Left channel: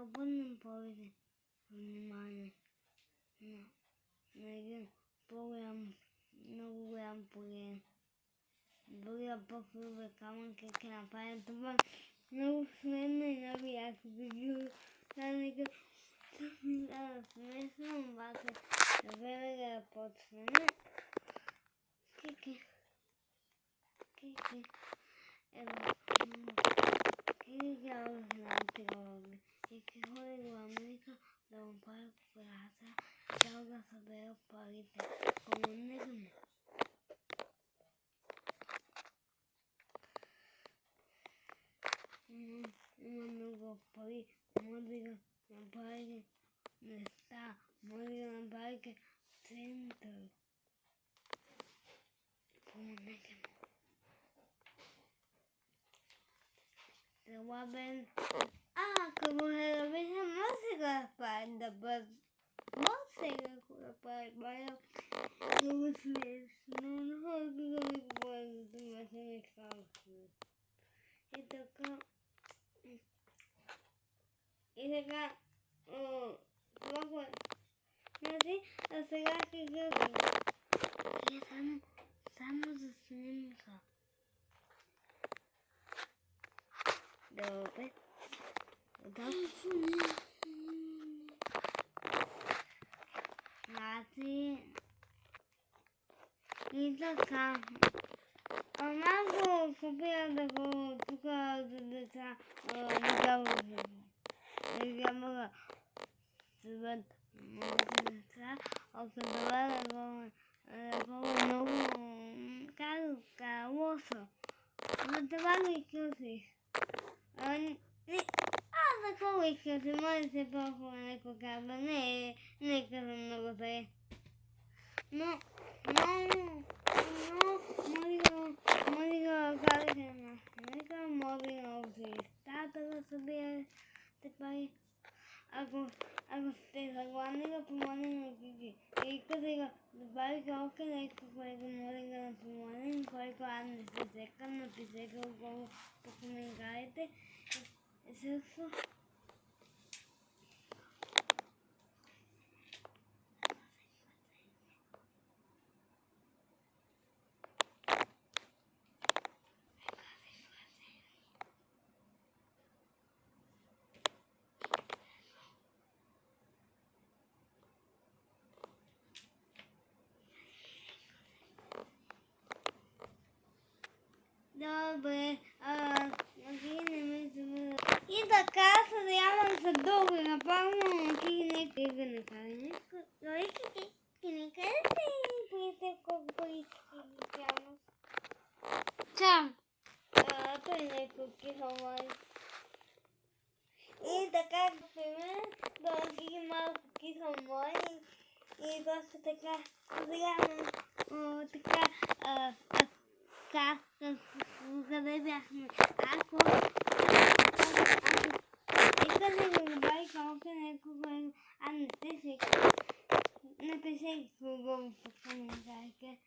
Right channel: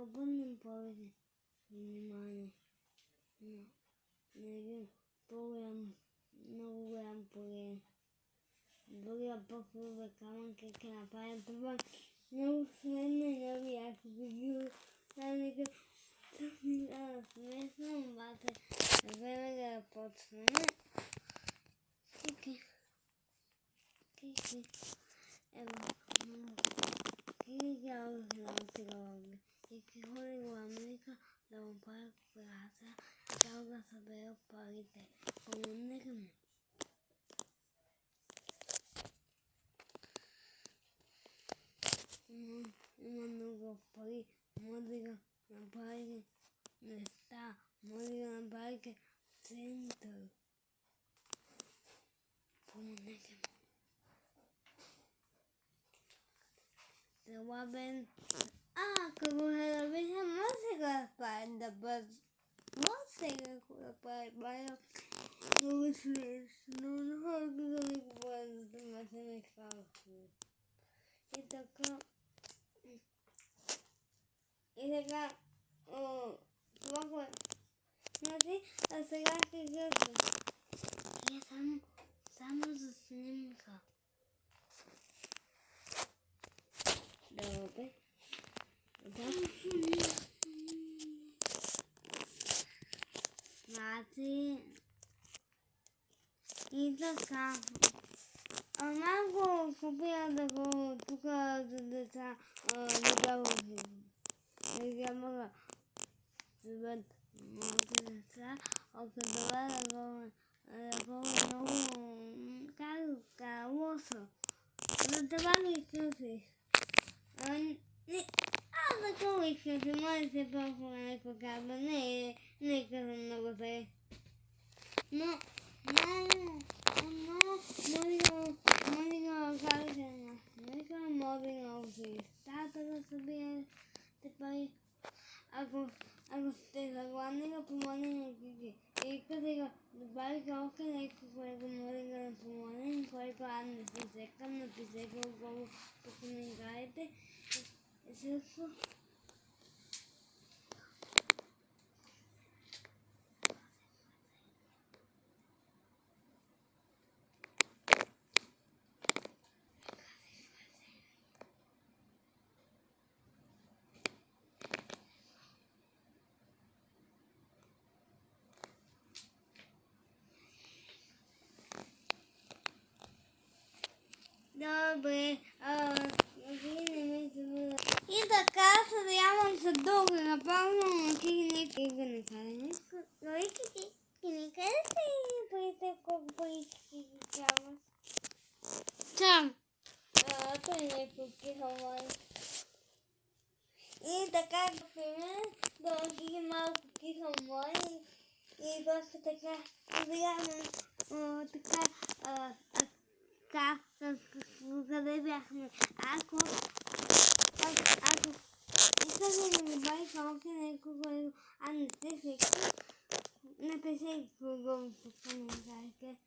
нека обърнем повече внимание на един по-голям, много голям проект. Другия по-хубав камък как направим това много смешно и много яко видео. Нека смешно, обаче време да почне. Кики. Ево, Кики на трога. И ходи го Америка да му прави операция и да го събере парите. Помогнете му. Има много пари, може да го направите места, може да го направите център. Помогнете му. Слабен. Ако го херабиха, може да направи да бъде. Може да прави бая. Много смешно, но хората да ми говорят, за да ме казват. И така, това е. Значи, а сега ще гледам. Е само за снимка. Добре. Значи, и така. Малко купя да го тук за деца видео. Да мога да бъдат моите деца. Ако това да го много лошо. Но това ги късих. Аз да го изкъсих, може да се по-хубаво някой казва. Не казвам много зле. Но може да кажете на смека, може да училищата да събирате пари. Ако сте съгласни да помогнем на Кики, искате да добавите още нещо, което може да помогнем, който аз не се секам, напишете отгоре по коментарите. И също добре, вие не ме забравя. И така, съдявам се дълго и напълно, но Кики не кара нещо. Дори Кики не кара си парите, колко пари си трябва. Сам. Той не кукиха май. И така, например, да Кики малко киха май. И просто така, съдявам така, къде бяхме? Ако искате да добавите още някого, аз не сте секал, напишете го в коментарите.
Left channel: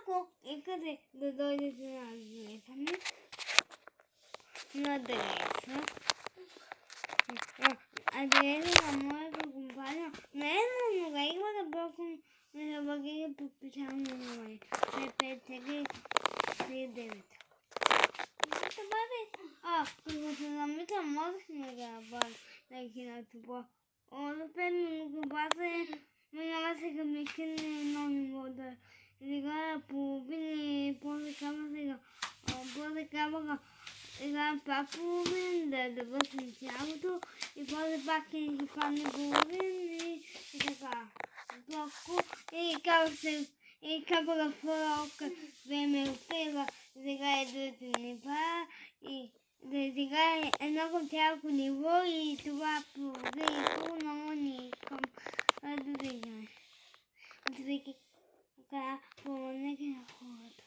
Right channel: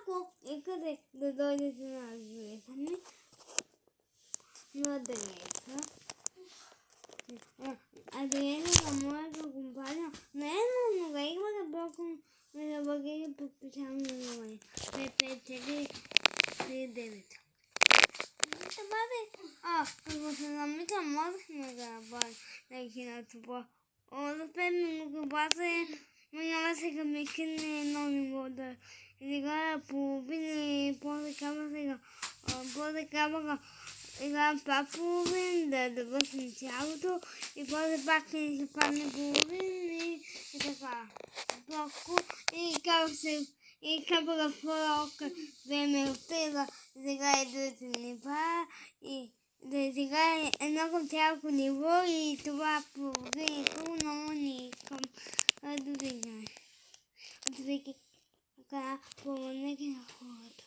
Ако искате да дойдете на адреса, адреса на моята компания, не е много, има да блокам на багири подписано номер 55439. Това ви, като се замисля, можехме да направим на това. За 5 минути обаче, няма сега ми кине едно ниво да играя половина и после камера играем пак половин, да вършим цялото и после пак ще падне половин и така. Блоко и камера втора време отида да играе другите нива и да играе едно към цялото ниво и това половин и това много не искам да играе. Отвики така помогнете на хората.